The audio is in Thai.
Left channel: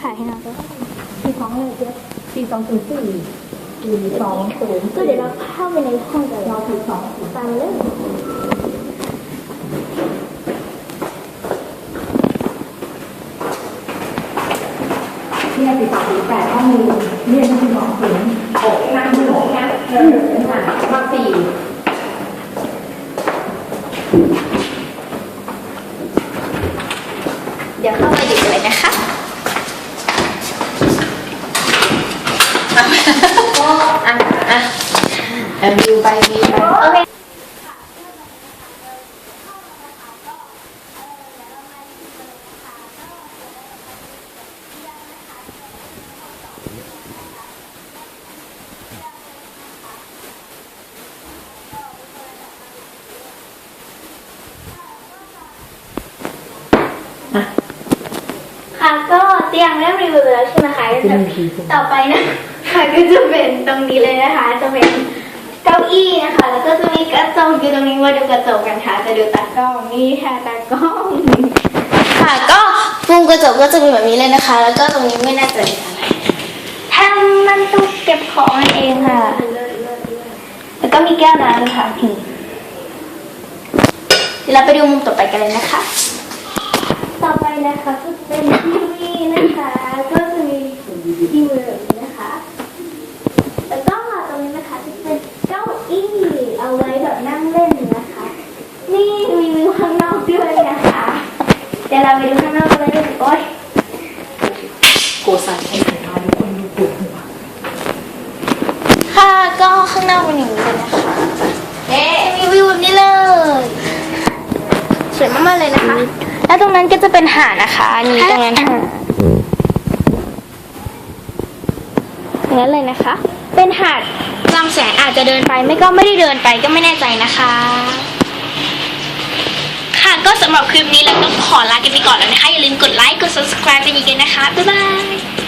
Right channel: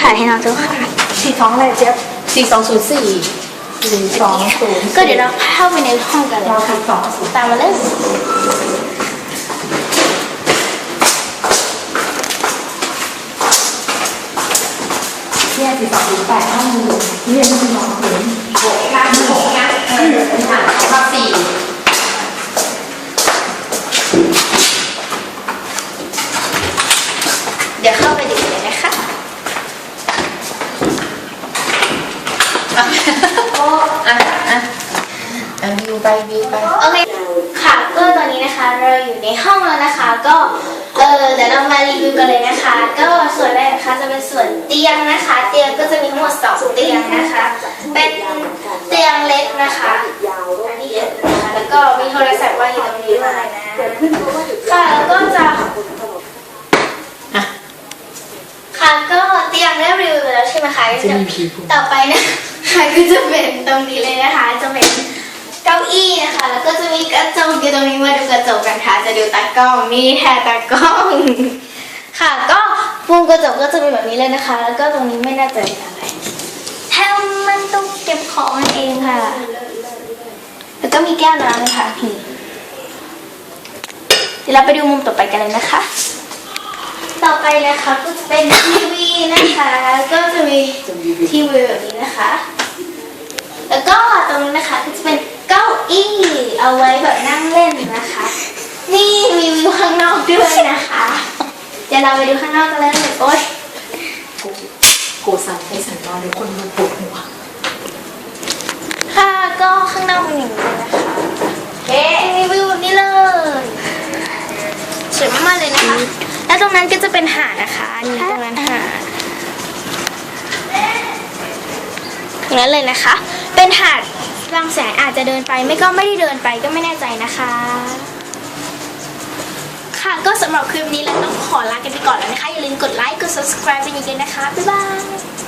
ถ่ายให้น้องดูค่ะสี่สองอะไรเจ๊ยบสี่สองศูนย์สี่สี่สองศูนย์ก็เดี๋ยวเราเข้าไปในห้องกันเลยเราค่ะสี่สองศูนย์ตามมาเลยเนี่ยสี่สองศูนย์แปดห้องมือเรียนสี่สองศูนย์หกนะหกนะเออเป็นหารข้อสี่ เดี๋ยวเข้าไปดูกันเลยนะคะ อะอะอะวิว ไปวิวไปโอเคค่ะก็ตอนนี้นะคะเราอยู่ในห้องแล้วนะคะ ก็เออเดี๋ยวเรามารีวิวกันเลยนะคะ ก็ส่วนแรกนะคะจะเป็นส่วนเตียงนะคะ เตียงก็จะมีทั้งหมดสองเตียงนะคะ เป็นเตียงเล็กนะคะอันนี้เล็กนะคะแล้วก็มีโทรศัพท์วางอยู่ตรงนี้ด้วยนะค่ะแล้วก็จะค่ะก็เตียงได้รีวิวไปแล้วใช่ไหมคะจะมีผีต่อไปนะค่ะก็จะเป็นตรงนี้เลยนะคะจะเป็น เก้าอี้นะคะ แล้วก็จะมีกระจกอยู่ตรงนี้มาดูกระจกกันค่ะ จะดูตากล้องนี่แทนตากล้องค่ะก็มุมกระจกก็จะเป็นแบบนี้เลยนะคะ แล้วก็ตรงนี้ไม่น่าจะมีอะไรแถมมันตู้เก็บของนั่นเองค่ะ แล้วก็มีแก้วน้ำค่ะเดี๋ยวเราไปดูมุมต่อไปกันเลยนะคะ ต่อไปนะคะก็จะเป็นทีวีนะคะ ก็จะมีทีวีแบบนี้นะคะ แล้วก็ตรงนี้นะคะก็จะเป็นเก้าอี้เอาไว้แบบนั่งเล่นนะคะ นี่มีวิวข้างนอกด้วยนะคะ เดี๋ยวเราไปดูข้างนอกกันเลย โอ๊ยโกซันเอสมาทุกคนดูปวดหัวค่ะก็ข้างนอกเป็นอย่างนี้เลยนะคะเอ๊มีวิวแบบนี้เลยสวยมากๆเลยนะคะ แล้วตรงนั้นก็จะเป็นหาดนะคะอันนี้ตรงนั้นหาดอย่างนั้นเลยนะคะ เป็นหาดบางแสนอาจจะเดินไปไม่ก็ไม่ได้เดินไปก็ไม่แน่ใจนะคะ ค่ะ ก็สำหรับคลิปนี้เราต้องขอลากันไปก่อนแล้วนะคะ อย่าลืมกดไลค์ กด subscribe เป็นอีกกันนะคะ บ๊ายบาย